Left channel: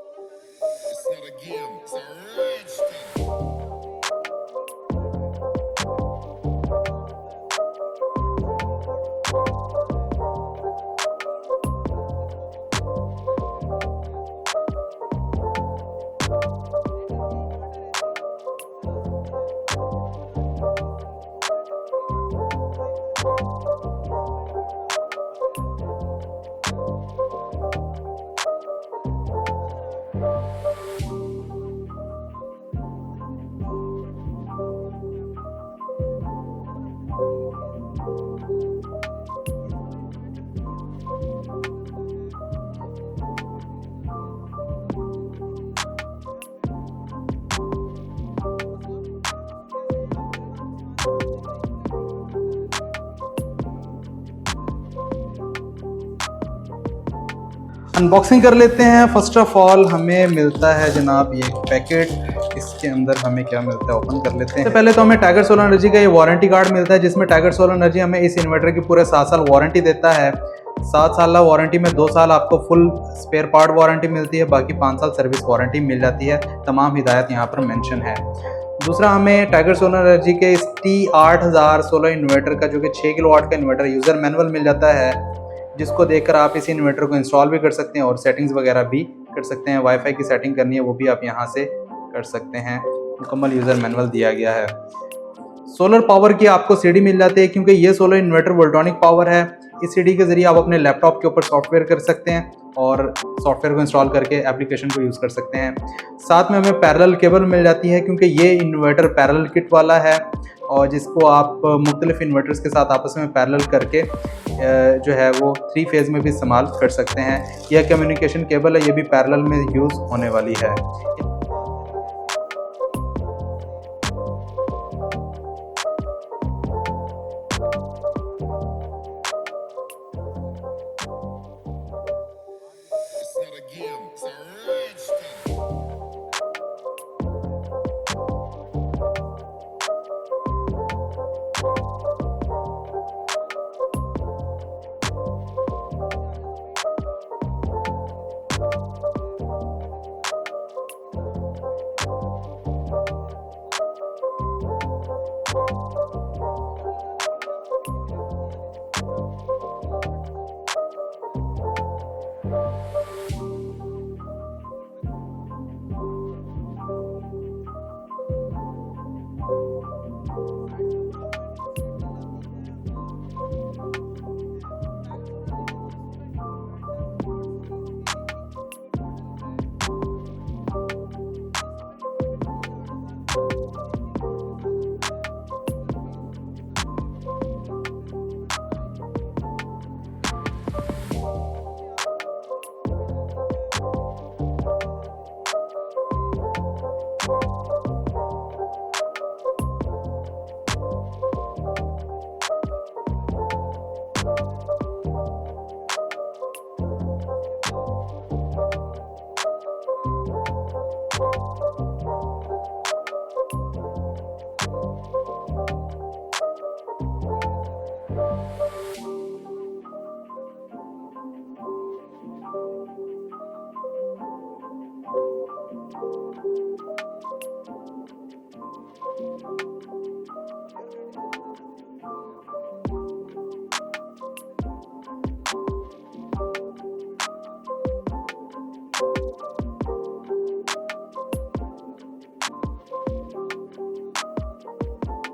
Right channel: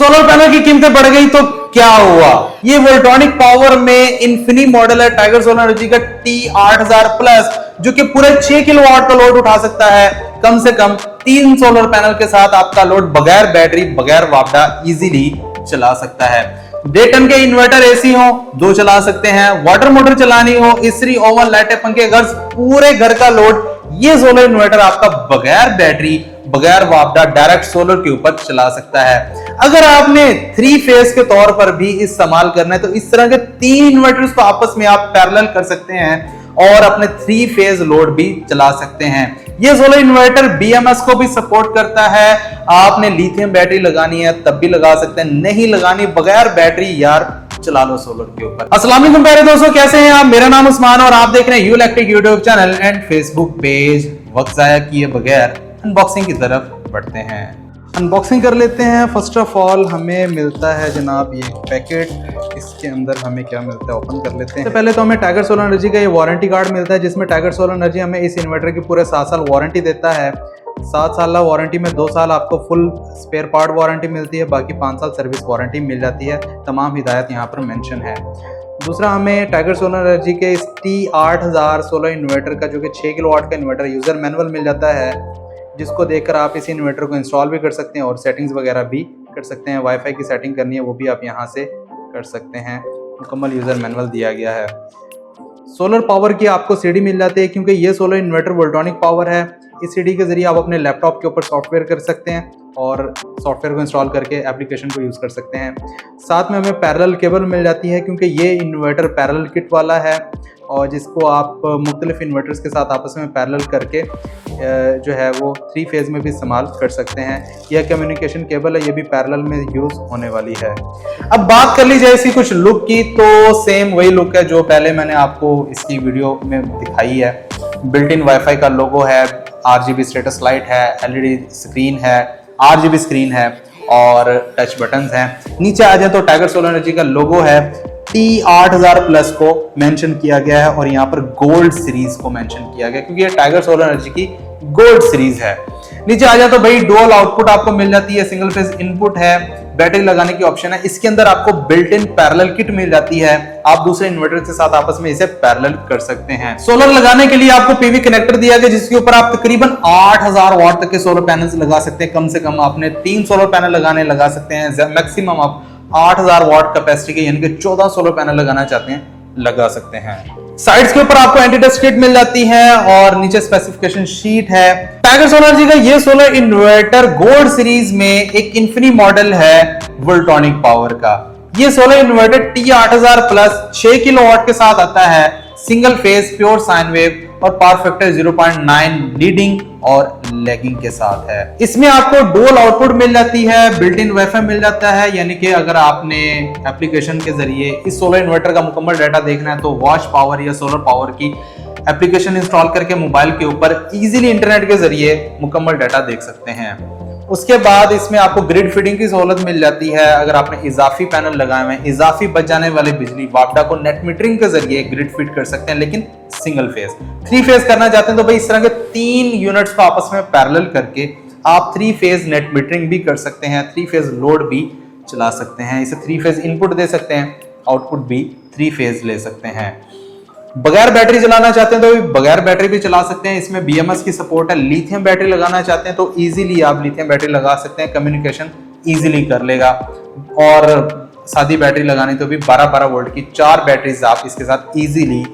Solar panel की कीमतें बढ़ गई तो क्या हुआ? ये वोल्ट्रॉनिक पावर में इन्फिनी मॉडल है टाइगर सोलर एनर्जी का T8000 प्लस, जो कि पूरे 6 किलोवाट का लोड उठा सकता है। कम से कम 3 सोलर पैनल के साथ आपका लोड बगैर बैटरी बगैर वापडा इजीली चला सकता है। 1.5 टन के इन्वर्टर एसी हो 2 चला सकते हैं, वाटर मोटर चलानी हो, इस्त्री, ओवन, लाइटें, पंखे, घर, पूरे घर का लोड ये सोलर इन्वर्टर आपका बगैर बैटरी बगैर वापडा डायरेक्ट सोलर के ऊपर चला सकता है। अगर आपने 3 फेज के तौर पर भी इस्तेमाल करना है तो इस तरह के 3 इन्वर्टर्स को आपस में आप पैरेलल कर सकते हैं और अपने 3 फेज लोड भी चला सकते हैं। ये सोलर इन्वर्टर BMS को भी सपोर्ट करता है। आपने लिथियम बैटरी लगानी है तब भी लगा सकते हैं, नहीं लगानी बगैर बैटरी यार चला लो सोलर के ऊपर। अस्सलाम वालेकुम प्यारे दोस्तों, कैसे हैं आप? मेरा नाम उस्मान और आप देख रहे हैं you electric YouTube channel and Facebook page. वक्त जाया किए बगैर अनबॉक्सिंग की तरफ बढ़ते हैं। अनबॉक्सिंग कर लेते हैं। फर्स्ट ऑफ ऑल हमें मिलता है जनाब ये पैकेट। इसके अंदर हमें क्या मिलता है ओपन कर लेते हैं। तो पहले तो हमें टाइगर सोलर एनर्जी का ये वारंटी कार्ड मिलता है, जिसमें टाइगर सोलर एनर्जी हमें इस इन्वर्टर की पूरे 7 साल वारंटी देता है। 7 साल वारंटी में 2 साल आपको फुल स्पेयर पार्ट वारंटी मिलती है, बाकी 5 साल सर्विस वारंटी मिल जाती है। तमाम हिदायत यहाँ पर मेंशन है। दूसरा, हमें टाइगर सोलर एनर्जी के इस T8000 सोलर इन्वर्टर का जो कि 6 किलोवाट का इन्वर्टर यूज़र मैनुअल मिल जाता है, जिसको देखकर आप इस इन्वर्टर को इंस्टॉल भी कर सकते हैं और सेटिंग्स वगैरह भी कर सकते हैं। वाईफाई की सेटिंग करनी है वो भी आप यहाँ से कर सकते हैं। मुकम्मल यूज़र मैनुअल दिया गया है। सोलर पावर की आपको सीडी मिल जाती है, क्योंकि ये सोलर इन्वर्टर वोल्ट्रॉनिक पावर है। इस सीडी के जरिए आप अपने लैपटॉप के ऊपर सॉफ्टवेयर कर सकते हैं और सॉफ्टवेयर को इंस्टॉल करके एप्लीकेशन को यूज़ कर सकते हैं। साथ में हमें पैरेलल केबल मिल जाती है, क्योंकि ये इन्वर्टर पैरेलल किट वाला है और जिसको आप मुख्तलिफ इन्वर्टर्स के साथ आपस में पैरेलल करके जो है वो 3 फेज में भी इस्तेमाल कर सकते हैं। यह कम्युनिकेशन केबल है, ये भी पैरेलल में यूज़ होने वाली है। अब बात कर ली जाए इसकी कुछ लुक की, तो सेम वही लुक है जो पहले मैंने आपको इसकी वीडियो में दिखाई है। बिल्ट इन वाईफाई का लोगो है, RGB स्टेटस लाइट है, LED स्क्रीन है, RGB स्क्रीन है और टच बटन्स हैं। नीचे आ जाए तो टाइगर सोलर एनर्जी का लोगो है। T8000 प्लस को मेंशन किया गया है और यहाँ पर गोल्ड सीरीज को मेंशन किया गया, क्योंकि ये टाइगर सोलर एनर्जी की गोल्ड सीरीज है। नीचे आ जाए तो भाई डुअल आउटपुट आपको मिल जाती है, सिंगल फेज इनपुट है, बैटरी लगाने की ऑप्शन है। इसके अंदर आपको बिल्ट इन पैरेलल किट मिल जाती है, आप दूसरे इन्वर्टर के साथ आपस में इसे पैरेलल कर सकते हैं। सोलर लगाने के लिए आपको पीवी कनेक्टर दिया गया, जिसके ऊपर आप तकरीबन 8000 वाट तक के सोलर पैनल्स लगा सकते हैं। कम से कम आपने 3 सोलर पैनल लगा सकते हैं। मैक्सिमम आप 8000 वाट कैपेसिटी के यानी कि 14 सोलर पैनल लगाना चाहते हैं लगा सकते हैं। साइड्स के ऊपर आपको एंटी डस्ट किट मिल जाती है और नीचे स्पेसिफिकेशन शीट है। टाइगर सोलर एनर्जी का ये सोलर इन्वर्टर गोल्ड सीरीज में एक इन्फिनी मॉडल है वोल्ट्रॉनिक पावर का। ये solar inverter T8000 plus 6 kilowatt के साथ आता है, single phase pure sine wave और पावर फैक्टर 0.9 लीडिंग और लैगिंग के साथ है। इसमें आपको डुअल आउटपुट मिल जाती है, बिल्ट इन वाईफाई मिल जाता है, यानी कि अगर आपने एप्लीकेशन के जरिए इस सोलर इन्वर्टर का मुकम्मल डाटा देखना है तो वॉच पावर या सोलर पावर की एप्लीकेशन इंस्टॉल करके मोबाइल के ऊपर इजीली इंटरनेट के जरिए मुकम्मल डाटा देख सकते हैं। उसके बाद इसमें आपको ग्रिड फीडिंग की सहूलत मिल जाती है। अगर आपने इजाफी पैनल लगाए हुए हैं, इजाफी बच जाने वाली बिजली वापडा को नेट मीटरिंग के जरिए ग्रिड फीड कर सकते हैं, लेकिन सिंगल फेज। 3 फेज करना चाहते हैं तो भाई इस तरह के 3 यूनिट्स को आपस में पैरेलल करके आप 3 फेज नेट मीटरिंग भी कर सकते हैं, 3 फेज लोड भी चला सकते हैं। इसे 3 फेज इनपुट दे सकते हैं, आउटपुट भी 3 फेज ले सकते हैं। बगैर बैटरी चलाना चाहते हैं तो बगैर बैटरी भी चला सकते हैं। इसमें BMS की सपोर्ट है। लिथियम बैटरी लगाना चाहते हैं तो इजीली आप लिथियम बैटरी लगा सकते हैं, कम्युनिकेशन इजीली कर लेगा। और सादी बैटरी लगानी तो भी 12-12 वोल्ट की 4 बैटरीज आप इसके साथ इजीली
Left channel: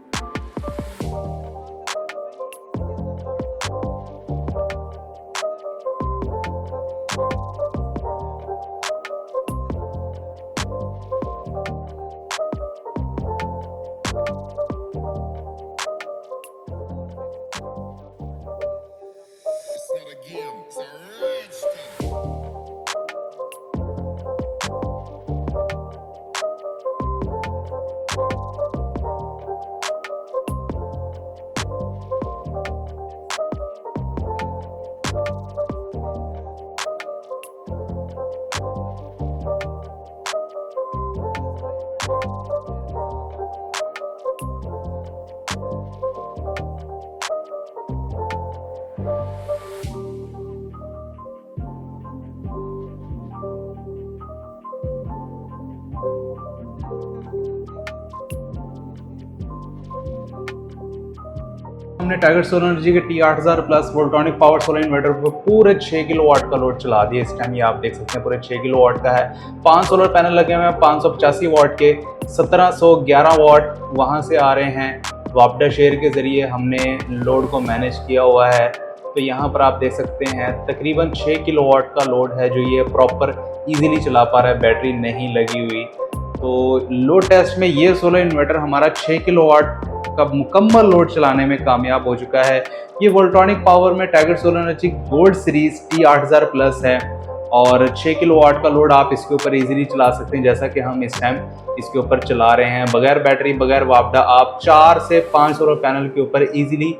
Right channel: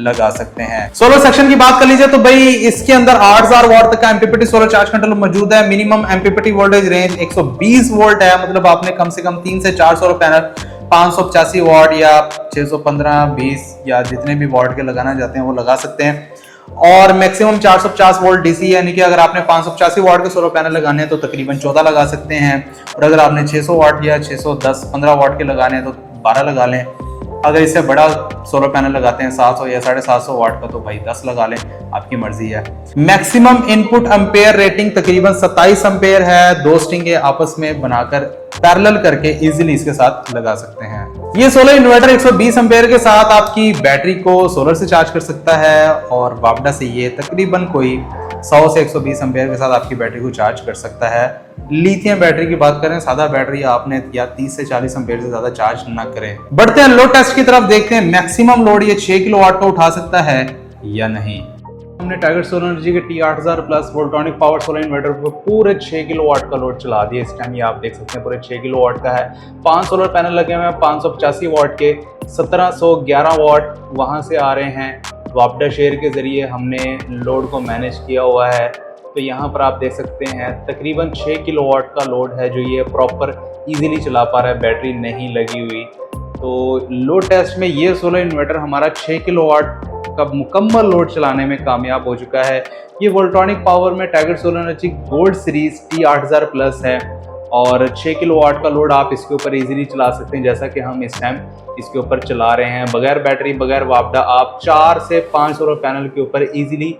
लगा सकते हैं। सोलर सेक्शन की बात कर लीजिए तो भाई इसके अंदर 8000 वाट तक का MPPT सोलर चार्ज कंट्रोलर मौजूद है। Minimum MPPT voltage range 120 volt है, मतलब आपने कम से कम 3 से 4 सोलर पैनल 585 वाट या 615, 20 या जितने भी वाट के लगाना चाहते हैं वो लगा सकते हैं। और मैक्सिमम 450 वोल्ट DC, यानी कि अगर आपने 585 वाट के सोलर पैनल लगाने हैं तो तकरीबन 14 लगा सकते हैं, और अगर आपने 600 वाट या 610, 15 वाट के लगाने हैं तो 12 लगा लें। अगर इससे बड़ा सोलर पैनल लगाते हैं 700 या 750 वाट का तो भाई 10 लगा लें, आपकी मर्जी है। मैक्सिमम इनपुट एम्पेयर रेटिंग तकरीबन 27 एम्पेयर है। 2 स्ट्रिंग आपस में बनाकर पैरेलल करके इजीली इसके साथ लगा सकते हैं। ये सोलर इन्वर्टर 120 एम्पेयर के साथ आपकी बैटरी को सोलर से चार्ज कर सकता है और वापडा से ये तकरीबन कोई 100 से 120 एम्पेयर के साथ आपकी बैटरी को चार्ज कर सकता है। लिथियम बैटरी की बात करें, सादा बैटरी आपने या 30 से 40 एम्पेयर से ज्यादा चार्ज ना करें। बढ़ते हैं लोड टेस्ट की तरफ, देखते हैं मैक्सिमम लोड ये 6 किलोवाट का उठा सकता है या नहीं। हमने टाइगर सोलर एनर्जी के T8000 plus Voltronic power solar inverter पर पूरे 6 किलोवाट का लोड चला दिया। इस टाइम ये आप देख सकते हैं पूरे 6 किलोवाट का है। 5 सोलर पैनल लगे हुए हैं 585 वाट के, 1711 वाट वहां से आ रहे हैं। वापडा शेयर के जरिए हमने लोड को मैनेज किया हुआ है। तो यहाँ पर आप देख सकते हैं तकरीबन 6 किलोवाट का लोड है जो ये प्रॉपर इजीली चला पा रहा है, बैटरी नहीं लगी हुई। तो लोड टेस्ट में ये सोलर इन्वर्टर हमारा 6 किलोवाट का मुकम्मल लोड चलाने में कामयाब हो चुका है। ये वोल्ट्रॉनिक पावर में tiger solar energy gold series T8000 plus है और 6 किलोवाट का लोड आप इसके ऊपर इजीली चला सकते हैं, जैसा कि हम इस टाइम इसके ऊपर चला रहे हैं। बगैर बैटरी, बगैर वापडा आप 4 से 5 सोलर पैनल के ऊपर इजीली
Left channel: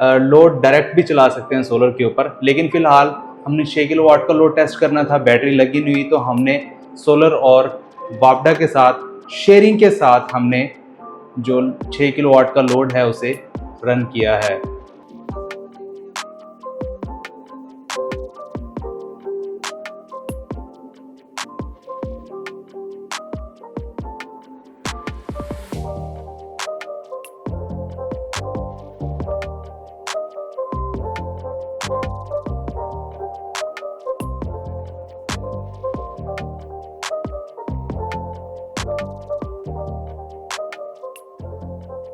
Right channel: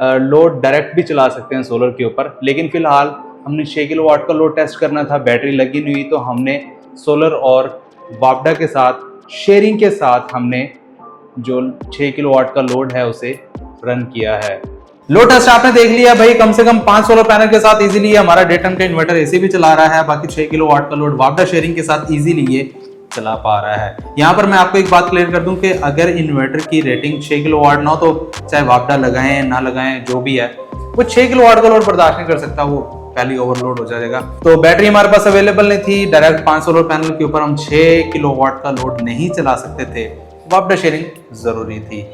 लोड डायरेक्ट भी चला सकते हैं सोलर के ऊपर। लेकिन फिलहाल हमने 6 किलोवाट का लोड टेस्ट करना था, बैटरी लगी नहीं हुई, तो हमने सोलर और वापडा के साथ शेयरिंग के साथ हमने जो 6 किलोवाट का लोड है उसे रन किया है। लोड टेस्ट आपने देख लिया भाई, कम से कम 5 सोलर पैनल के साथ इजीली हमारा 1.5 टन का इन्वर्टर एसी भी चला रहा है। बाकी 6 किलोवाट का लोड वापडा शेयरिंग के साथ इजीली ये चला पा रहा है। यहाँ पर मैं आपको एक बात क्लियर कर दूं कि अगर इन्वर्टर की रेटिंग 6 किलोवाट ना हो तो चाहे वापडा लगाएं ना लगाएं जो भी है, वो 6 किलोवाट का लोड बर्दाश्त नहीं कर सकता, वो पहले ओवरलोड हो जाएगा। तो बैटरी हमारे पास अवेलेबल नहीं थी, डायरेक्ट 5 सोलर पैनल के ऊपर हम 6 किलोवाट का लोड नहीं चला सकते थे, वापडा शेयरिंग जरूरी थी।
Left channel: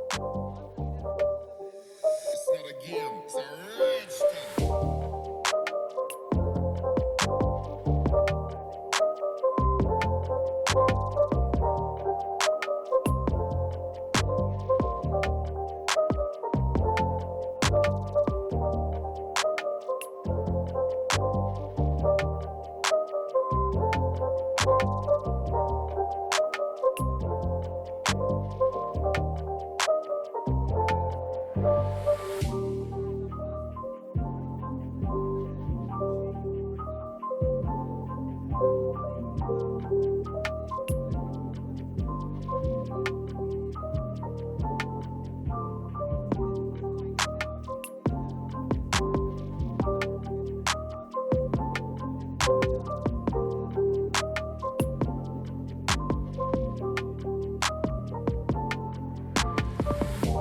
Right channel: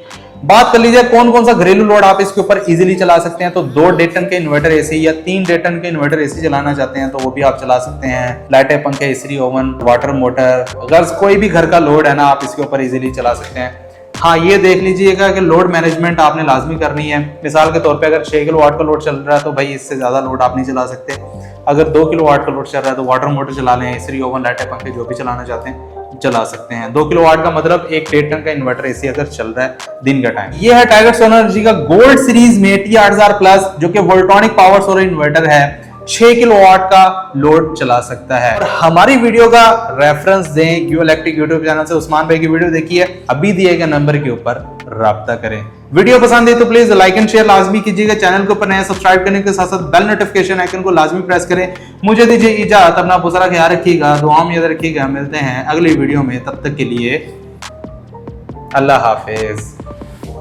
बात कर लीजिए कौन कौन सा घरेलू लोड आप इसके ऊपर इजीली चला सकते हैं। तो 2 1.5 टन के इन्वर्टर एसी या 3 1.5 टन के इन्वर्टर एसी चलाना चाहते हैं तो वो भी आप चला सकते हैं। लाइटें, पंखे, इस्त्री, ओवन, वाटर मोटर, अगर कोई भी घर का लोड है ना आप इसके ऊपर इजीली चला सकते हैं। हाँ, ये देख लीजिएगा कि लोड मैनेजमेंट आपने लाजमी करनी है। मिसाल के तौर पे अगर 6 किलोवाट का लोड चल रहा है तो भाई इससे ज्यादा लोड आप नहीं चला सकते। अगर 2 किलोवाट का लोड चल रहा है तो वाटर मोटर चला लें, इस्त्री, ओवन, लाइटें, पंखे जो भी चलाना चाहते हैं चला सकते हैं। 2 किलोवाट का मतलब एक 1.5 टन का इन्वर्टर एसी अगर चल रहा है दिन का टाइम। ये है टाइगर सोलर एनर्जी का गोल्ड सीरीज में T8000 प्लस जो कि वोल्ट्रॉनिक पावर सोलर इन्वर्टर है, 6 किलोवाट का लोड चला सकता है। और हमारी वीडियो का रेफरेंस दें क्यू इलेक्ट्रिक यूट्यूब चैनल से उस्मान भाई की वीडियो देखिए, अभी दिए गए नंबर के ऊपर राब्ता करें। वीडियो पसंद है तो प्लीज लाइक एंड शेयर लाजमी कीजिएगा। चैनल को ऊपर नया सब्सक्राइब करने के साथ साथ बेल नोटिफिकेशन आइकन को लाजमी प्रेस करें। मुझे दीजिए इजाजत, अपना बहुत सारा ख्याल रखिएगा, दुआ में याद रखिएगा। मिलते हैं अगली वीडियो में, तब तक के लिए अल्लाह हाफिज।